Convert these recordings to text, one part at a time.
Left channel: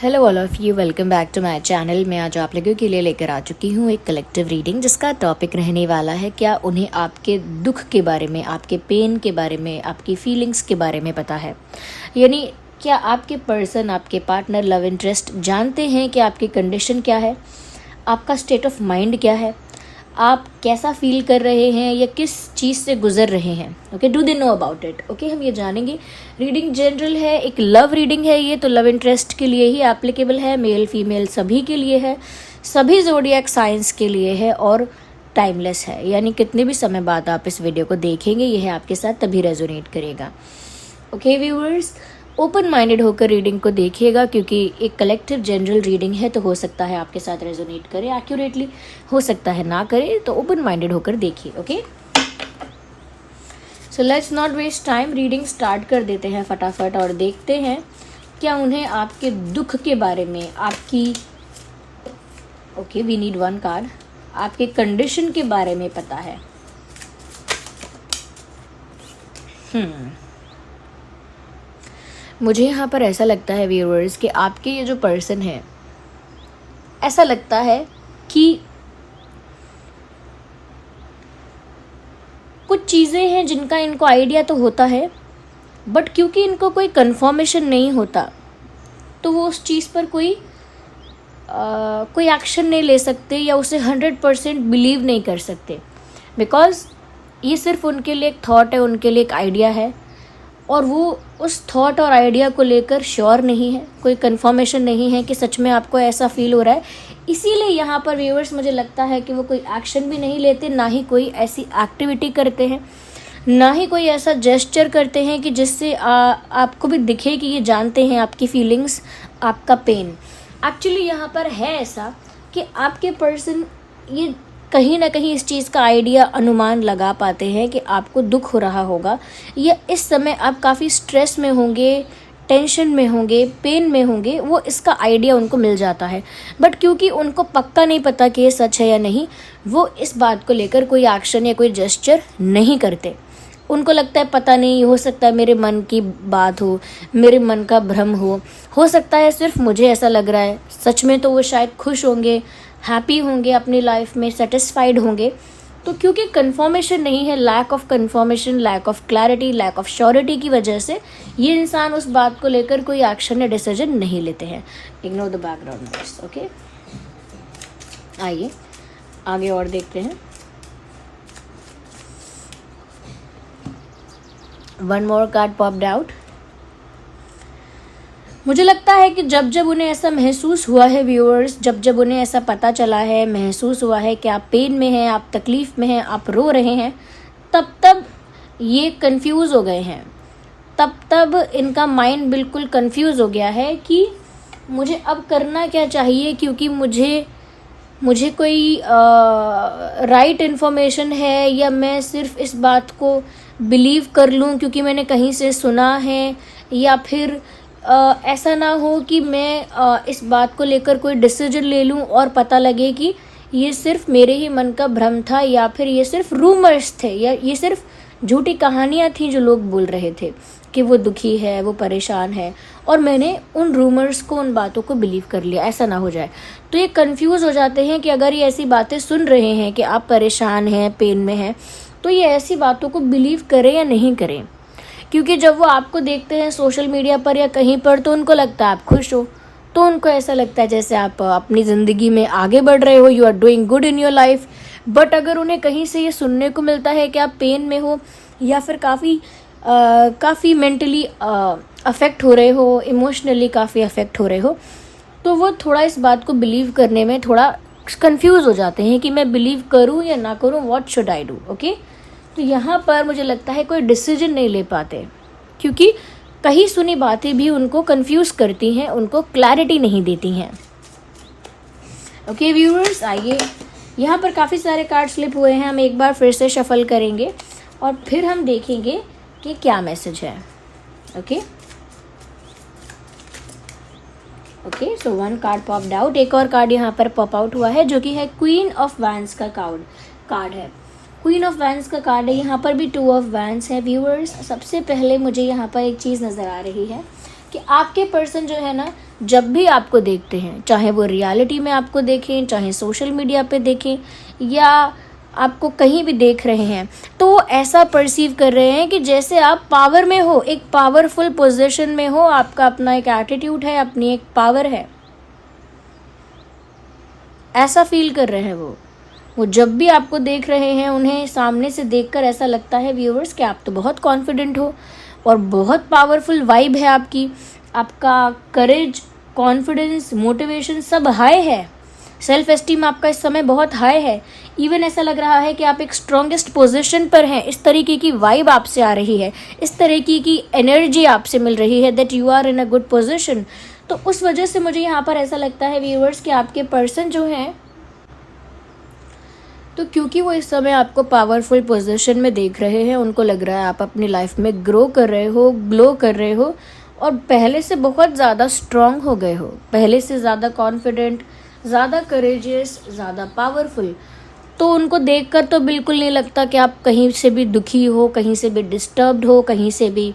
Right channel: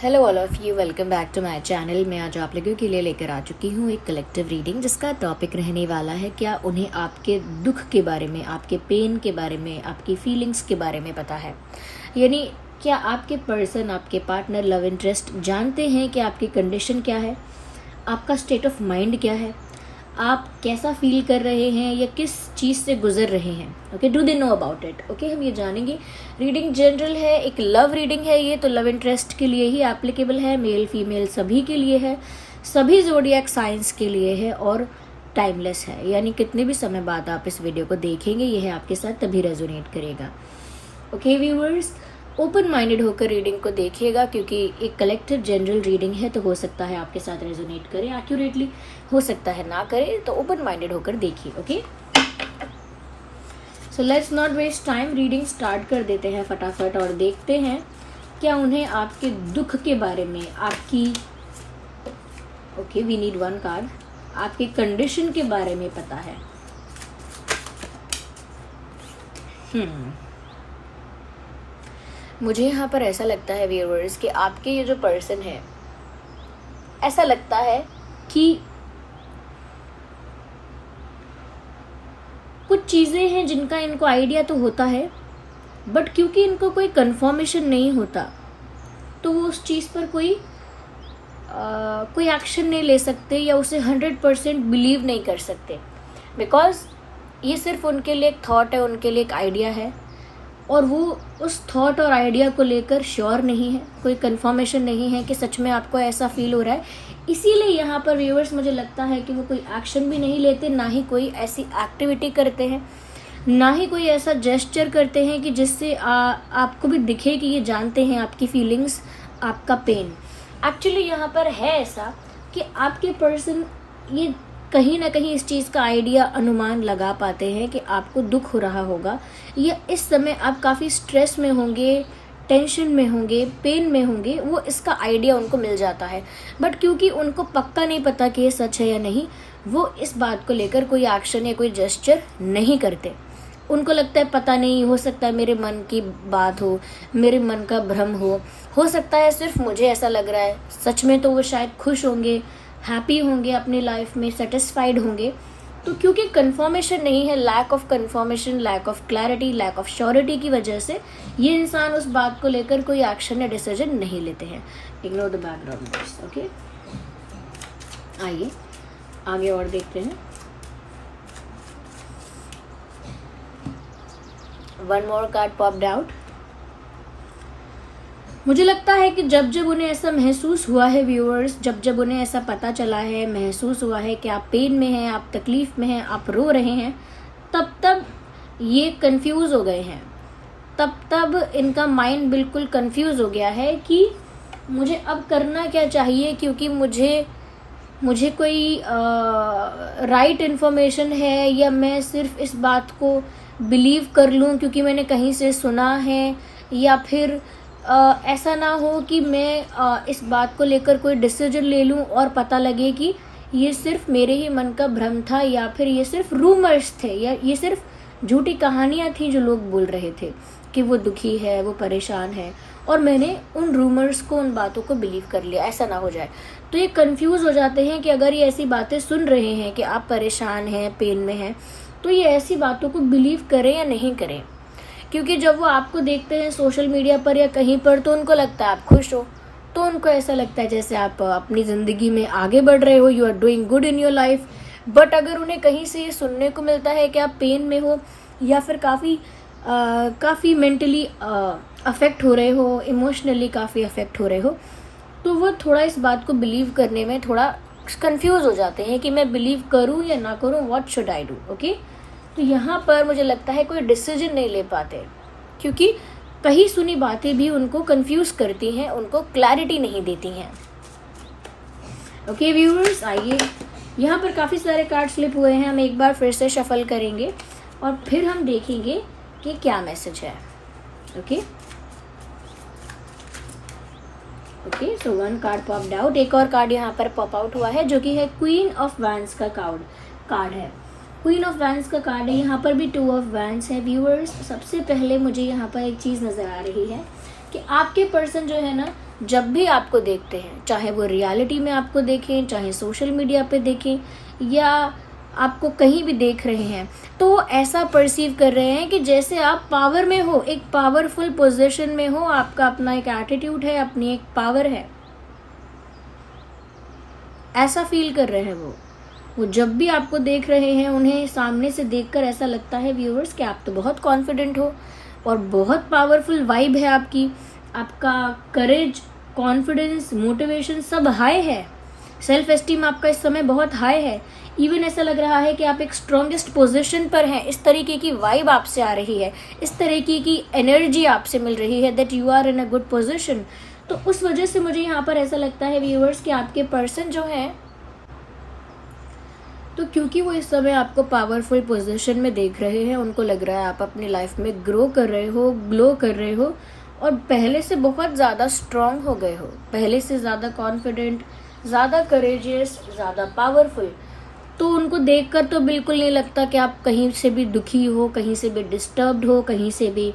Hello all of you, welcome back to my channel. मैं आज आप लोगों के लिए लेकर आ चुकी हूँ एक कलेक्टिव रीडिंग जिसका टॉपिक रहने वाला है क्या उन्हें आपके दुख के बारे में, आपके पेन के बारे में, आपकी फीलिंग्स के बारे में पता है। यानी क्या आपके पर्सन, आपके पार्टनर, लव इंटरेस्ट जानते हैं कि आपकी कंडीशन क्या है, आपका स्टेट ऑफ माइंड क्या है, आप कैसा फील कर रहे हैं या किस चीज़ से गुजर रहे हैं। Okay, do they know about it. Okay, हम ये जानेंगे। रीडिंग जनरल है, एक लव रीडिंग है ये, तो लव इंटरेस्ट के लिए ही एप्लीकेबल है, मेल फीमेल सभी के लिए है, सभी ज़ोडिएक साइंस के लिए है और टाइमलेस है। यानी कितने भी समय बाद आप इस वीडियो को देखेंगे यह आपके साथ तभी रेजोनेट करेगा। ओके व्यूअर्स, ओपन माइंडेड होकर रीडिंग को देखिएगा क्योंकि एक कलेक्टिव जनरल रीडिंग है, तो हो सकता है आपके साथ रेजोनेट करे एक्यूरेटली, हो सकता है ना करे, तो ओपन माइंडेड होकर देखिए। Okay, so let's not waste time, reading start कर देते हैं फटाफट और देखते हैं क्या उन्हें आपके दुख के बारे में, आपकी वी नीड वन कार्ड, आपके कंडीशन के बारे में पता है। मुझे यहाँ पर ऐसा लगता है व्यूअर्स कि आपके ये जो पर्सन है, ऐसा लगता है कि कुछ चीज़ें हैं जिनका इनको आइडिया तो होता है, बट क्योंकि इनको कोई कंफर्मेशन नहीं होता तो वो उस चीज़ पर कोई एक्शन नहीं ले सकते या उसे 100% बिलीव नहीं कर सकते, बिकॉज ये सिर्फ उनके लिए एक थॉट है, उनके लिए एक आइडिया है और वो उस थॉट और आइडिया को लेकर श्योर नहीं है, कोई कंफर्मेशन नहीं है कि सच में आपको ऐसा फील हो रहा है। इसीलिए यहाँ पर व्यूअर्स मुझे लगता है कि वो कोई एक्शन भी नहीं लेते, ना ही कोई ऐसी एक्टिविटी करते हैं, ना ही कोई ऐसा जेस्चर करते हैं कि जिससे आपको भी दिखे कि ये जानते हैं आपकी फीलिंग्स, आपका पेन। एक्चुअली यहाँ पर है ऐसा कि आपके पर्सन ये कहीं ना कहीं इस चीज़ का आइडिया, अनुमान लगा पाते हैं कि आपको दुख हो रहा होगा या इस समय आप काफ़ी स्ट्रेस में होंगे, टेंशन में होंगे, पेन में होंगे, वो इसका आइडिया उनको मिल जाता है। बट क्योंकि उनको पक्का नहीं पता कि ये सच है या नहीं, वो इस बात को लेकर कोई एक्शन या कोई जेस्चर नहीं करते। उनको लगता है पता नहीं, हो सकता है मेरे मन की बात हो, मेरे मन का भ्रम हो सकता है सिर्फ मुझे ऐसा लग रहा है, सच में तो वो शायद खुश होंगे, हैप्पी होंगे, अपनी लाइफ में सेटिस्फाइड होंगे। तो क्योंकि कंफर्मेशन नहीं है, lack of confirmation, lack of clarity, lack of surety की वजह से ये इंसान उस बात को लेकर कोई एक्शन या डिसीजन नहीं लेते हैं। Ignore the background noise. Okay, आइए आगे और देखते हैं। One more card popped out. मुझे लगता है कि जब जब उन्हें ऐसा महसूस हुआ है व्यूअर्स, जब जब उन्हें ऐसा पता चला है, महसूस हुआ है कि आप पेन में हैं, आप तकलीफ़ में हैं, आप रो रहे हैं, तब तब ये कंफ्यूज हो गए हैं, तब इनका माइंड बिल्कुल कंफ्यूज हो गया है कि मुझे अब करना क्या चाहिए, क्योंकि मुझे कोई राइट इन्फॉर्मेशन है या मैं सिर्फ इस बात को बिलीव कर लूँ क्योंकि मैंने कहीं से सुना है, या फिर ऐसा ना हो कि मैं इस बात को लेकर कोई डिसीजन ले लूं और पता लगे कि ये सिर्फ मेरे ही मन का भ्रम था, या फिर ये सिर्फ रूमर्स थे, या ये सिर्फ झूठी कहानियां थी जो लोग बोल रहे थे कि वो दुखी है, वो परेशान है, और मैंने उन रूमर्स को, उन बातों को बिलीव कर लिया। ऐसा ना हो जाए। तो ये कंफ्यूज हो जाते हैं कि अगर ये ऐसी बातें सुन रहे हैं कि आप परेशान हैं, पेन में हैं, तो ये ऐसी बातों को बिलीव करें या नहीं करें। क्योंकि जब वो आपको देखते हैं सोशल मीडिया पर या कहीं पर, तो उनको लगता है आप खुश हो, तो उनको ऐसा लगता है जैसे आप अपनी ज़िंदगी में आगे बढ़ रहे हो, you are doing good in your life. But अगर उन्हें कहीं से ये सुनने को मिलता है कि आप पेन में हो या फिर काफ़ी मेंटली अफेक्ट हो रहे हो, इमोशनली काफ़ी अफेक्ट हो रहे हो, तो वो थोड़ा इस बात को बिलीव करने में थोड़ा कंफ्यूज हो जाते हैं कि मैं बिलीव करूँ या ना करूँ, what should I do. Okay, तो यहाँ पर मुझे लगता है कोई डिसीजन नहीं ले पाते क्योंकि कहीं सुनी बातें भी उनको कंफ्यूज करती हैं, उनको क्लैरिटी नहीं देती हैं। ओके व्यूअर्स, आइए, यहाँ पर काफ़ी सारे कार्ड स्लिप हुए हैं, हम एक बार फिर से शफल करेंगे और फिर हम देखेंगे कि क्या मैसेज है। ओके ओके, सो वन कार्ड पॉप्ड आउट। एक और कार्ड यहाँ पर पॉप आउट हुआ है जो कि है क्वीन ऑफ वैंड्स का कार्ड है। क्वीन ऑफ वैंड्स का कार्ड है, यहाँ पर भी टू ऑफ वैंड्स है। व्यूअर्स, सबसे पहले मुझे यहाँ पर एक चीज़ नज़र आ रही है कि आपके पर्सन जो है ना, जब भी आपको देखते हैं, चाहे वो रियलिटी में आपको देखें, चाहे सोशल मीडिया पे देखें या आपको कहीं भी देख रहे हैं, तो वो ऐसा परसीव कर रहे हैं कि जैसे आप पावर में हो, एक पावरफुल पोजीशन में हो, आपका अपना एक एटीट्यूड है, अपनी एक पावर है, ऐसा फील कर रहे हैं वो जब भी आपको देख रहे हैं, उन्हें सामने से देखकर ऐसा लगता है व्यूअर्स कि आप तो बहुत कॉन्फिडेंट हो और बहुत पावरफुल वाइब है आपका करेज, कॉन्फिडेंस, मोटिवेशन सब हाई है, सेल्फ एस्टीम आपका इस समय बहुत हाई है। इवन ऐसा लग रहा है कि आप एक स्ट्रॉन्गेस्ट पोजीशन पर हैं, इस तरीके की वाइब आपसे आ रही है, इस तरीके की एनर्जी आपसे मिल रही है that you are in a good position. तो उस वजह से मुझे यहाँ पर ऐसा लगता है व्यूअर्स कि आपके पर्सन जो हैं, तो क्योंकि वो इस समय आपको पावरफुल पोजीशन में देख रहे हैं, उनको लग रहा है आप अपनी लाइफ में ग्रो कर रहे हो, ग्लो कर रहे हो और पहले से बहुत ज़्यादा स्ट्रांग हो गए हो, पहले से ज़्यादा कॉन्फिडेंट, ज़्यादा करेजियस, ज़्यादा पावरफुल। तो उनको देखकर तो बिल्कुल नहीं लगता कि आप कहीं से भी दुखी हो, कहीं से भी डिस्टर्ब्ड हो, कहीं से भी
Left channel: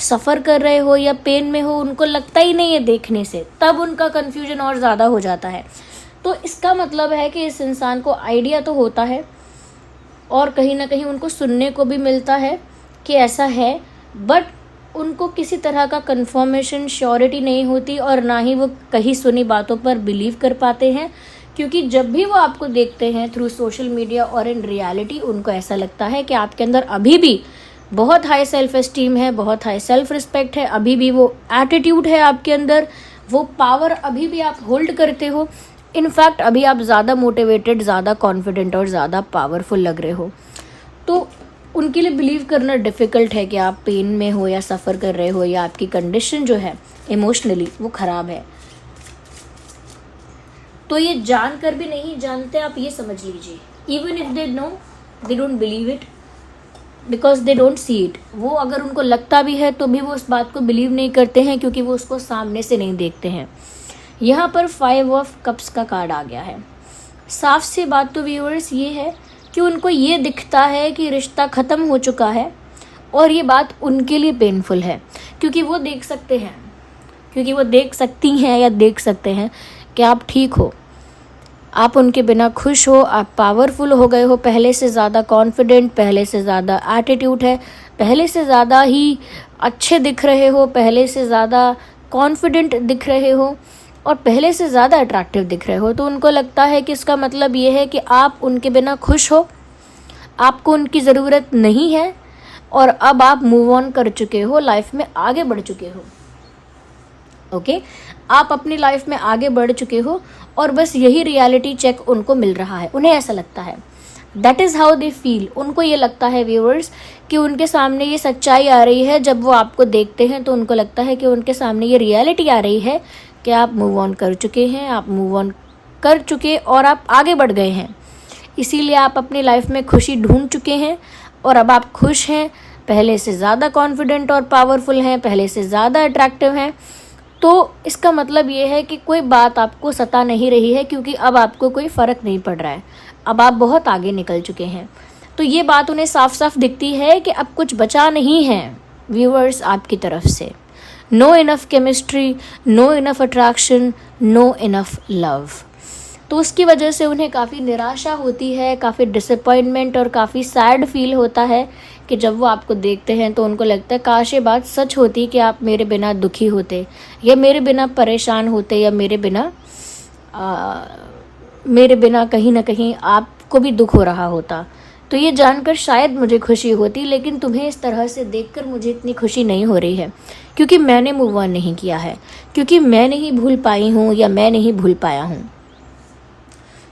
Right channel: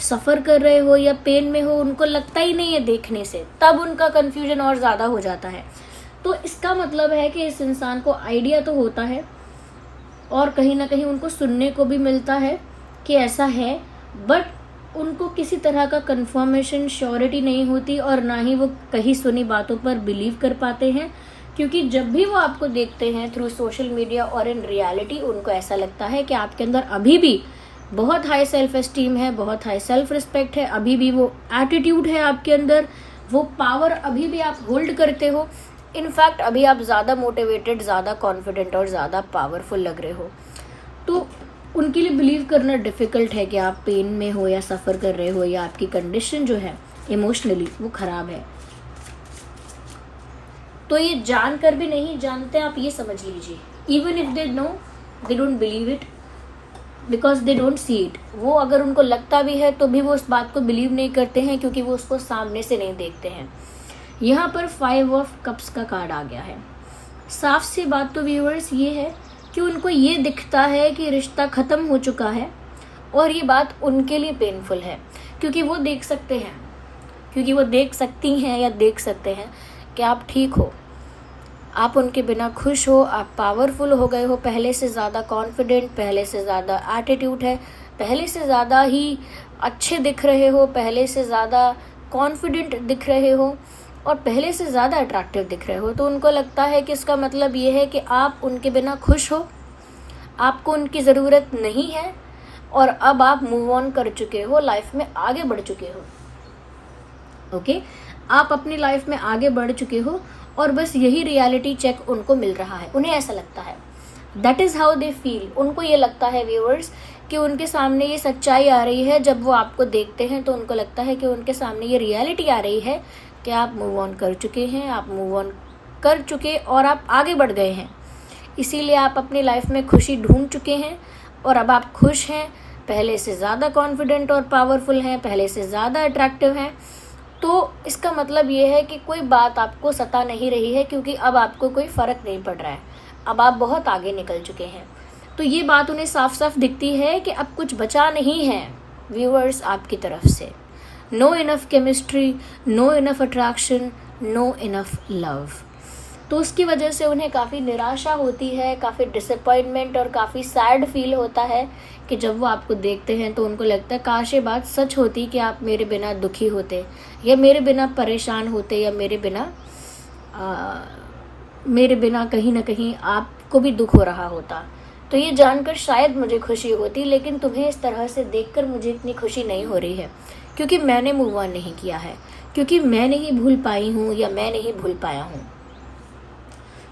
सफ़र कर रहे हो या पेन में हो, उनको लगता ही नहीं है देखने से, तब उनका कन्फ्यूजन और ज़्यादा हो जाता है। तो इसका मतलब है कि इस इंसान को आइडिया तो होता है और कहीं ना कहीं उनको सुनने को भी मिलता है कि ऐसा है, बट उनको किसी तरह का कंफर्मेशन, श्योरिटी नहीं होती और ना ही वो कहीं सुनी बातों पर बिलीव कर पाते हैं, क्योंकि जब भी वो आपको देखते हैं थ्रू सोशल मीडिया और इन रियलिटी, उनको ऐसा लगता है कि आपके अंदर अभी भी बहुत हाई सेल्फ एस्टीम है, बहुत हाई सेल्फ रिस्पेक्ट है, अभी भी वो एटीट्यूड है आपके अंदर, वो पावर अभी भी आप होल्ड करते हो। इनफैक्ट अभी आप ज़्यादा मोटिवेटेड, ज़्यादा कॉन्फिडेंट और ज़्यादा पावरफुल लग रहे हो। तो उनके लिए बिलीव करना डिफ़िकल्ट है कि आप पेन में हो या सफ़र कर रहे हो या आपकी कंडीशन जो है इमोशनली वो ख़राब है। तो ये जानकर भी नहीं जानते, आप ये समझ लीजिए। Even if they know, they don't believe it because they don't see it. वो अगर उनको लगता भी है तो भी वो उस बात को बिलीव नहीं करते हैं, क्योंकि वो उसको सामने से नहीं देखते हैं। यहाँ पर 5 ऑफ कप्स का कार्ड आ गया है। साफ सी बात तो व्यूअर्स ये है कि उनको ये दिखता है कि रिश्ता ख़त्म हो चुका है और ये बात उनके लिए पेनफुल है, क्योंकि वो देख सकते हैं, क्योंकि वो देख सकती हैं या देख सकते हैं कि आप ठीक हो, आप उनके बिना खुश हो, आप पावरफुल हो गए हो, पहले से ज़्यादा कॉन्फिडेंट, पहले से ज़्यादा एटीट्यूड है, पहले से ज़्यादा ही अच्छे दिख रहे हो, पहले से ज़्यादा कॉन्फिडेंट दिख रहे हो और पहले से ज़्यादा अट्रैक्टिव दिख रहे हो। तो उनको लगता है कि इसका मतलब ये है कि आप उनके बिना खुश हो, आपको उनकी ज़रूरत नहीं है और अब आप मूव ऑन कर चुके हो, लाइफ में आगे बढ़ चुके हो। ओके, आप अपनी लाइफ में आगे बढ़ चुके हो और बस यही रियलिटी चेक उनको मिल रहा है, उन्हें ऐसा लगता है। That is how they feel. उनको ये लगता है व्यूअर्स कि उनके सामने ये सच्चाई आ रही है। जब वो आपको देखते हैं तो उनको लगता है कि उनके सामने ये रियलिटी आ रही है कि आप मूव ऑन कर चुके हैं, आप मूव ऑन कर चुके और आप आगे बढ़ गए हैं। इसीलिए आप अपनी लाइफ में खुशी ढूंढ चुके हैं और अब आप खुश हैं, पहले से ज़्यादा कॉन्फिडेंट और पावरफुल हैं, पहले से ज़्यादा अट्रैक्टिव हैं। तो इसका मतलब ये है कि कोई बात आपको सता नहीं रही है, क्योंकि अब आपको कोई फ़र्क नहीं पड़ रहा है, अब आप बहुत आगे निकल चुके हैं। तो ये बात उन्हें साफ साफ दिखती है कि अब कुछ बचा नहीं है व्यूअर्स आपकी तरफ से। No enough chemistry, no enough attraction, no enough love. तो उसकी वजह से उन्हें काफ़ी निराशा होती है, काफ़ी डिसअपॉइंटमेंट और काफ़ी सैड फील होता है कि जब वो आपको देखते हैं तो उनको लगता है काश ये बात सच होती कि आप मेरे बिना दुखी होते या मेरे बिना परेशान होते या मेरे बिना कहीं ना कहीं आपको भी दुख हो रहा होता। तो ये जानकर शायद मुझे खुशी होती, लेकिन तुम्हें इस तरह से देखकर मुझे इतनी खुशी नहीं हो रही है, क्योंकि मैंने मूव ऑन नहीं किया है, क्योंकि मैं नहीं भूल पाई हूँ या मैं नहीं भूल पाया हूँ।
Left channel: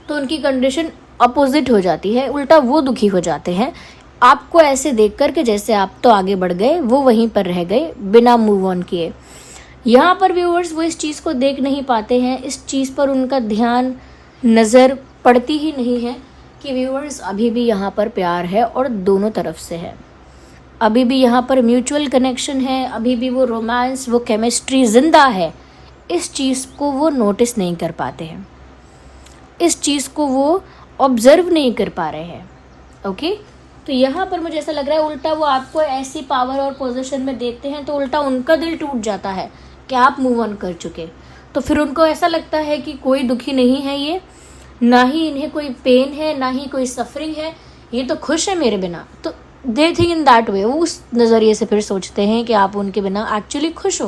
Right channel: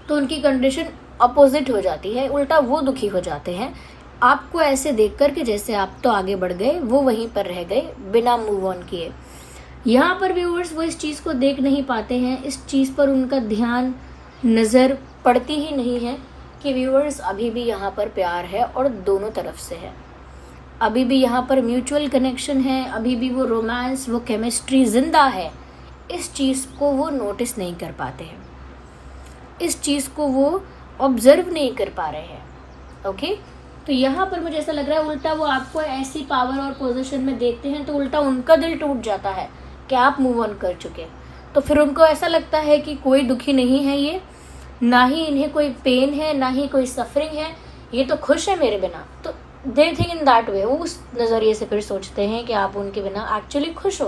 तो उनकी कंडीशन अपोजिट हो जाती है, उल्टा वो दुखी हो जाते हैं आपको ऐसे देखकर कि जैसे आप तो आगे बढ़ गए, वो वहीं पर रह गए बिना मूव ऑन किए। यहाँ पर व्यूअर्स वो इस चीज़ को देख नहीं पाते हैं, इस चीज़ पर उनका ध्यान, नज़र पड़ती ही नहीं है कि व्यूअर्स अभी भी यहाँ पर प्यार है और दोनों तरफ से है, अभी भी यहाँ पर म्यूचुअल कनेक्शन है, अभी भी वो रोमांस, वो केमिस्ट्री ज़िंदा है। इस चीज़ को वो नोटिस नहीं कर पाते हैं, इस चीज़ को वो ऑब्जर्व नहीं कर पा रहे हैं। ओके, तो यहाँ पर मुझे ऐसा लग रहा है उल्टा वो आपको ऐसी पावर और पोजीशन में देखते हैं तो उल्टा उनका दिल टूट जाता है कि आप मूव ऑन कर चुके। तो फिर उनको ऐसा लगता है कि कोई दुखी नहीं है ये, ना ही इन्हें कोई पेन है, ना ही कोई सफरिंग है, ये तो खुश है मेरे बिना। तो they think in that way, वो उस नज़रिए से फिर सोचते हैं कि आप उनके बिना एक्चुअली खुश हो।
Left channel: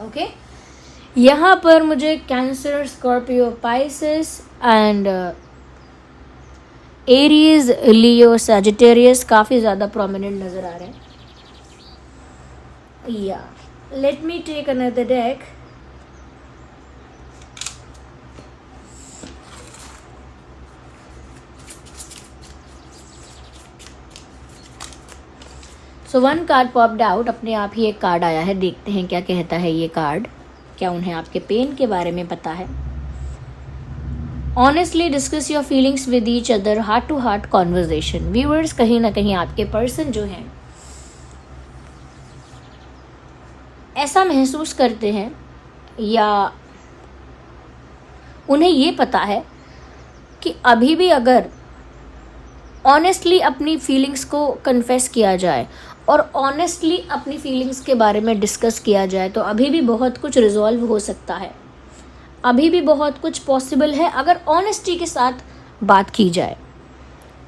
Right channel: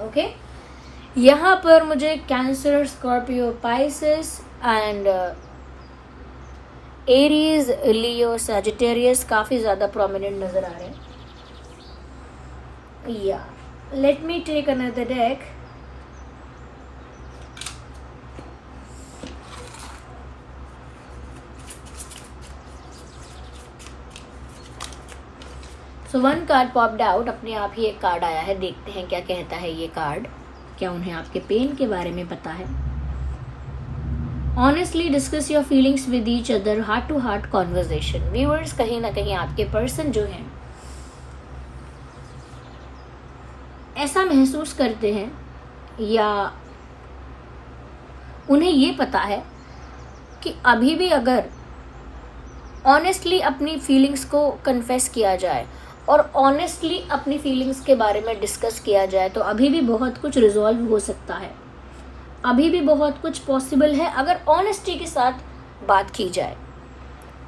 ओके, यहाँ पर मुझे Cancer, Scorpio, Pisces and Aries, Leo, Sagittarius काफ़ी ज़्यादा प्रोमिनेंट नज़र आ रहे हैं। या let me take another deck. So one card popped out, अपने आप ही एक कार्ड आया है, देखते हैं क्या कहता है ये कार्ड। क्या उन्हें आपके पेन के बारे में पता है? Honestly discuss your feelings with each other, heart to heart conversation. Viewers, कहीं ना कहीं आपके पर्सन जो हैं ऐसा महसूस करते हैं या उन्हें ये पता है कि अभी भी अगर ऑनेस्टली अपनी फीलिंग्स को कन्फेस किया जाए और ऑनेस्टली अपनी फीलिंग्स के बारे में डिस्कस किया जाए तो अभी भी बहुत कुछ रिजॉल्व हो सकता है, अभी भी बहुत कुछ पॉसिबल है अगर ऑनेस्टी के साथ बात की जाए।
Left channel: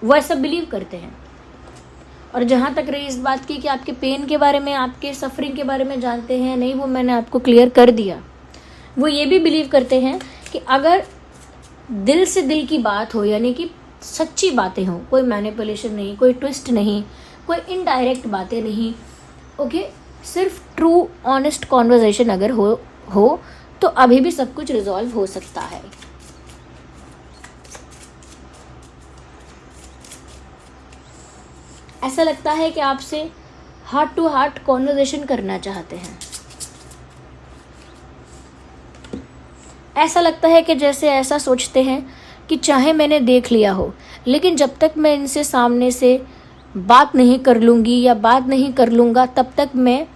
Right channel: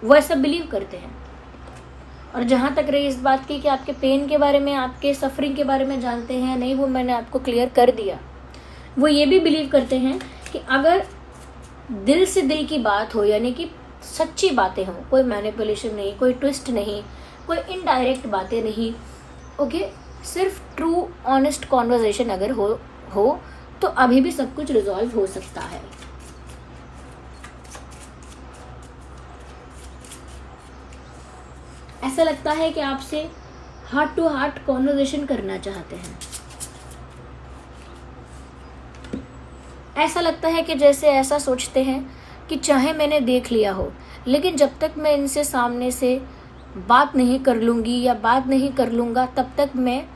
वो ऐसा बिलीव करते हैं। और जहाँ तक रही इस बात की कि आपके पेन के बारे में, आपके सफरिंग के बारे में जानते हैं नहीं, वो मैंने आपको क्लियर कर दिया। वो ये भी बिलीव करते हैं कि अगर दिल से दिल की बात हो, यानी कि सच्ची बातें हों, कोई मैनिपुलेशन नहीं, कोई ट्विस्ट नहीं, कोई इनडायरेक्ट बातें नहीं, ओके, सिर्फ ट्रू ऑनेस्ट कॉन्वर्जेशन अगर हो तो अभी भी सब कुछ रिजॉल्व हो सकता है। ऐसा लगता है कि आपसे हार्ट टू हार्ट कॉन्वर्जेशन करना चाहते हैं। ऐसा लगता है कि जैसे ऐसा सोचते हैं कि चाहे मैंने देख लिया हो, लेकिन जब तक मैं इनसे सामने से बात नहीं कर लूँगी या बात नहीं कर लूँगा तब तक मैं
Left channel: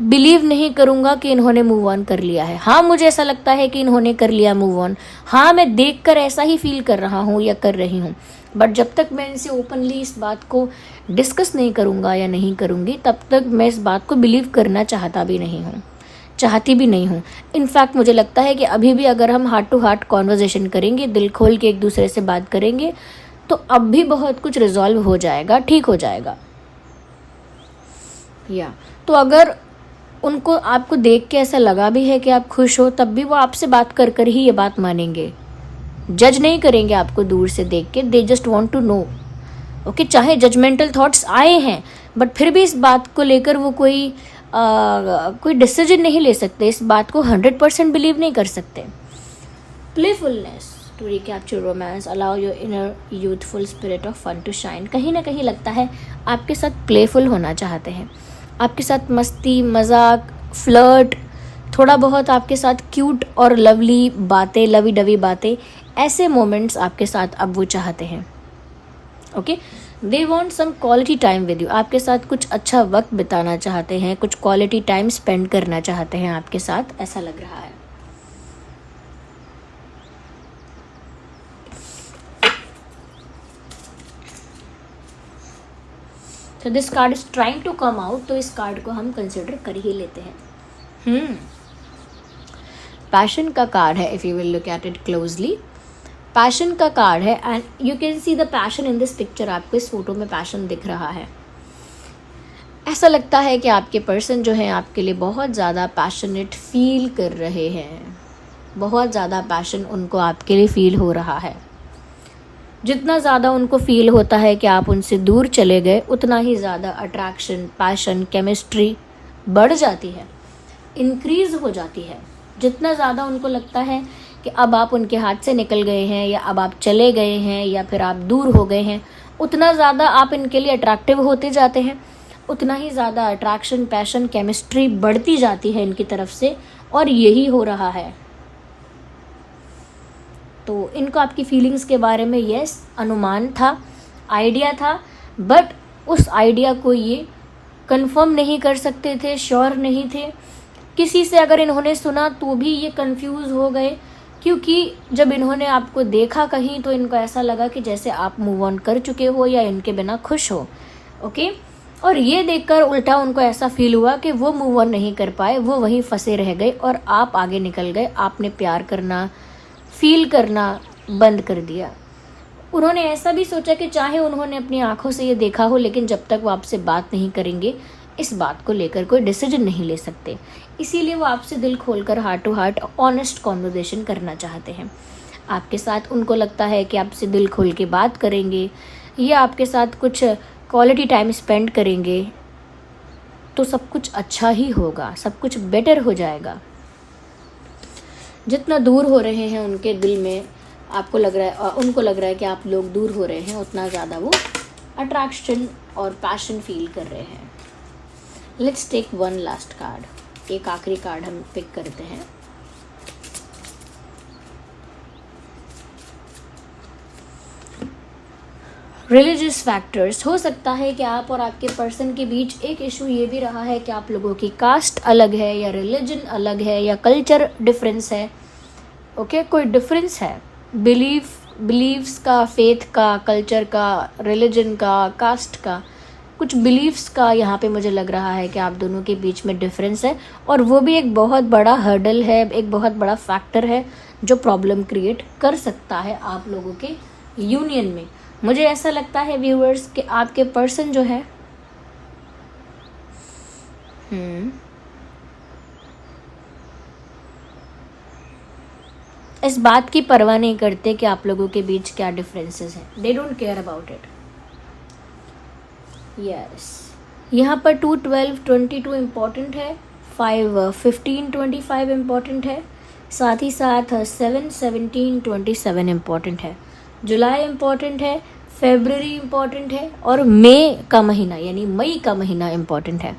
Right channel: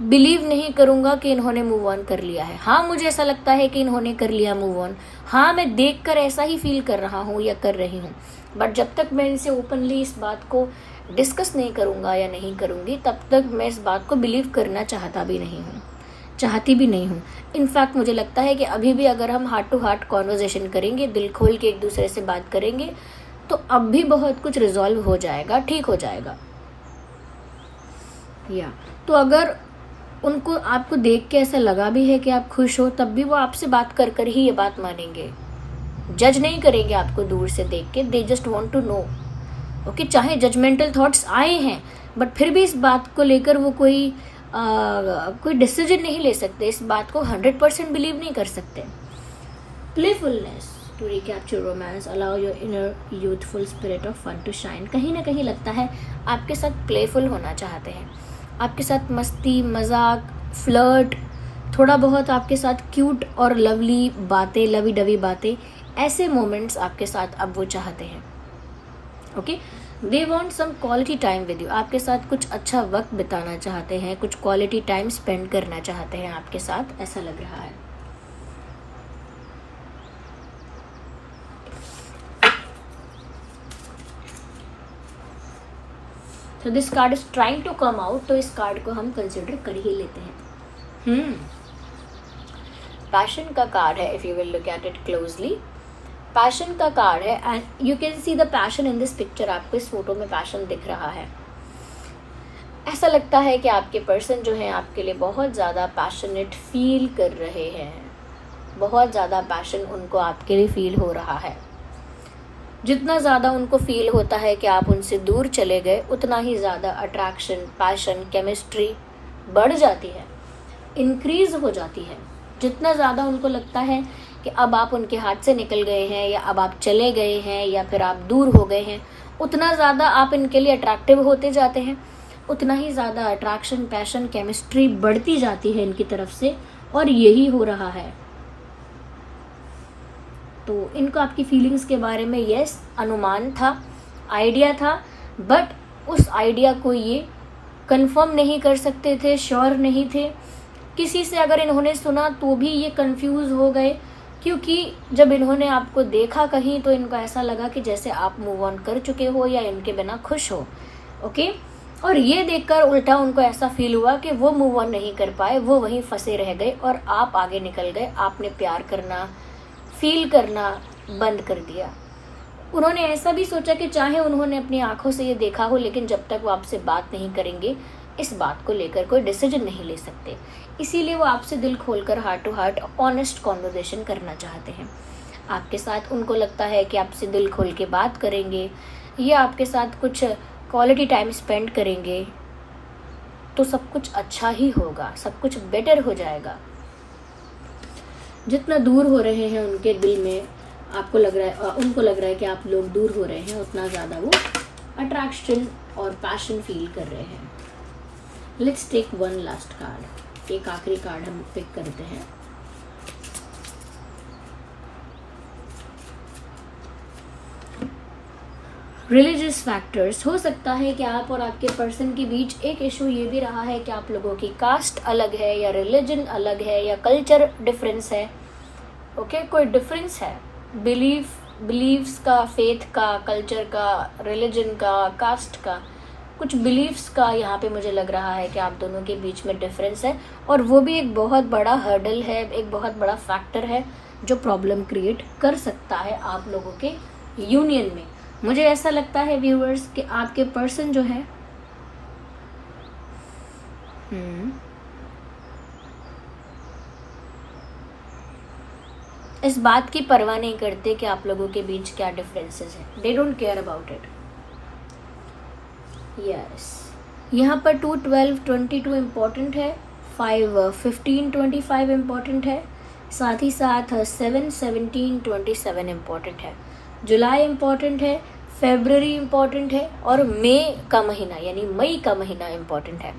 बिलीव नहीं करूँगा कि इन्होंने मूव ऑन कर लिया है। हाँ, मुझे ऐसा लगता है कि इन्होंने कर लिया मूव ऑन, हाँ मैं देखकर ऐसा ही फील कर रहा हूँ या कर रही हूँ, बट जब तक मैं इनसे ओपनली इस बात को डिस्कस नहीं करूँगा या नहीं करूँगी तब तक मैं इस बात को बिलीव करना चाहती भी नहीं हूँ। इनफैक्ट मुझे लगता है कि अभी भी अगर हम हार्ट टू हार्ट कॉन्वर्जेशन करेंगे, दिल खोल के एक दूसरे से बात करेंगे तो अब भी बहुत कुछ रिजॉल्व हो जाएगा, ठीक हो जाएगा। या तो अगर उनको आपको देख के ऐसा लगा भी है कि आप खुश हो, तब भी वो आपसे बात कर कर ही ये बात मानेंगे, जज नहीं करेंगे आपको दूर से देख के। They just want to know, okay, चाहे जजमेंटल थॉट्स आए हैं बट फिर भी इस बात को लेकर वो कोई डिसीजन नहीं ले सकते, इस बात को 100% बिलीव नहीं कर सकते। Playfulness to recapture romance, allow your inner youthful spirit of fun to shine. कहीं ना कहीं लगता है आपके साथ प्लेफुल होना चाहते हैं, आपके साथ मस्ती, मजाक, फ्लर्ट, थोड़ा बहुत आपके साथ क्यूट और लवली बातें, लवी डवी बातें, ऐसे मोमेंट्स आपके साथ अब वो चाहते हैं। Okay, they want some quality time with you, आपके साथ कुछ अच्छा वक्त बिताना चाहते हैं, कुछ क्वालिटी टाइम स्पेंड करना चाहते हैं आपके साथ, ऐसा लग रहा है। तो this card is trying to come out, तो इस कार्ड को हम कंसिडर कर ही लेते हैं। पैशन का कार्ड है, if you will look at it closely, passion का कार्ड है and you can see the passion in this picture. आपको इस फोटो में पैशन दिख रहा है। ऐसा लगता है कि आपके पर्सन जो है आपके लिए बहुत ज़्यादा पैशनेट फील कर रहे हैं, बहुत ज़्यादा पैशन उनको आपके लिए फील हो रहा है। जितना ज़्यादा उनको फील होता है कि आप उनसे दूर चले गए, उतना ही ज़्यादा अट्रैक्शन, पैशन, केमिस्ट्री बढ़ जाती है, इंक्रीज हो जाती है। जितना ज़्यादा उनको लगता है कि अब आप उनके हाथ से निकल गए हैं या अब आप चले गए हैं या फिर आप दूर हो गए हैं, उतना ज़्यादा आप इनके लिए अट्रैक्टिव होते जाते हैं, उतना ही ज़्यादा अट्रैक्शन, पैशन, केमिस्ट्री बढ़ती जाती है इनकी तरफ से, और यही हो रहा है। तो इनको आपकी फीलिंग्स के बारे में यस अनुमान था, आइडिया था, बट उस आइडिया को ये कंफर्म नहीं कर सकते थे, श्योर नहीं थे। किसी से अगर इन्होंने सुना तो भी ये कंफ्यूज हो गए, क्योंकि जब इन्होंने आपको देखा कहीं तो इनको ऐसा लगा कि जैसे आप मूव ऑन कर चुके हो या इनके बिना खुश हो। ओके, और ये देखकर उल्टा उनको ऐसा फील हुआ कि वो मूव ऑन नहीं कर पाए, वो वहीं फंसे रह गए और आप आगे निकल गए। आपने प्यार करना, फील करना बंद कर दिया। उन्होंने ऐसा भी सोचा कि चाहे उन्होंने अपनी आंखों से ये देखा हो, लेकिन जब तक वो आपसे बात नहीं करेंगे इस बात को लेकर कोई डिसीजन नहीं ले सकते। इसीलिए वो आपसे दिल खोलकर heart to heart honest conversation करना चाहते हैं। आपके साथ उनको लगता है कि आपसे दिल खोल के बात करेंगे या आपके साथ कुछ क्वालिटी टाइम स्पेंड करेंगे तो सब कुछ अच्छा ही होगा, सब कुछ बेटर हो जाएगा। जितना दूर हो रहे हैं उनके दिल में, आपको लग रहा है, उनको लग रहा है कि आप लोग दूर हो रहे हैं, उतना ज़्यादा वो अट्रैक्शन और पैशन फील कर रहे हैं। Let's take one last card. एक आखिरी कार्ड हम पिक करते हैं। Religious factors. हो सकता है कि आप और आपके पर्सन के बीच एक इशू ये भी रहा है कि आप लोगों की कास्ट अलग है या रिलीजन अलग है या कल्चर डिफरेंस है। ओके, कोई डिफरेंस है बिलीव्स का, फेथ का, कल्चर का, रिलीजन का, कास्ट का, कुछ बिलीव्स का यहाँ पे मुझे लग रहा है कि आप दोनों के बीच में डिफरेंस है और वो भी एक बहुत बड़ा हर्डल है, एक बहुत बड़ा फैक्टर है जो प्रॉब्लम क्रिएट कर सकता है आप लोगों के यूनियन में। मुझे ऐसा लगता है व्यूअर्स कि आपके पर्सन जो है इस बात की परवाह नहीं करते कि आप लोगों के बीच क्या डिफरेंसेस हैं। They don't care about it. Yes, यहाँ पर 2, 12, 22 इम्पॉर्टेंट है, 5, 15, 25 इम्पॉर्टेंट है, साथ ही साथ 7, 17, 27 इम्पॉर्टेंट है, जुलाई इम्पॉर्टेंट है, फरवरी इम्पॉर्टेंट है और मई का महीना यानी मई का महीना इम्पॉर्टेंट है।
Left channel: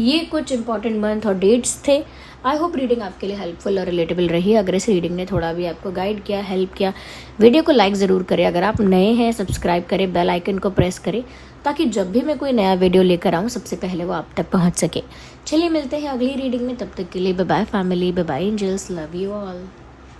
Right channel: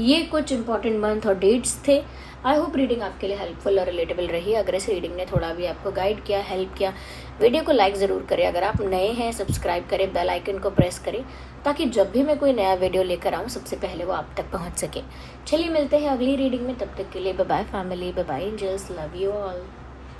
ये कुछ इंपॉर्टेंट मंथ और डेट्स थे। आई होप रीडिंग आपके लिए हेल्पफुल और रिलेटेबल रही। अगर इस रीडिंग ने थोड़ा भी आपको गाइड किया, हेल्प किया, वीडियो को लाइक ज़रूर करें। अगर आप नए हैं सब्सक्राइब करें, बेल आइकन को प्रेस करें ताकि जब भी मैं कोई नया वीडियो लेकर आऊँ सबसे पहले वो आप तक पहुँच सके। चलिए मिलते हैं अगली रीडिंग में, तब तक के लिए bye bye family, bye bye angels, love you all.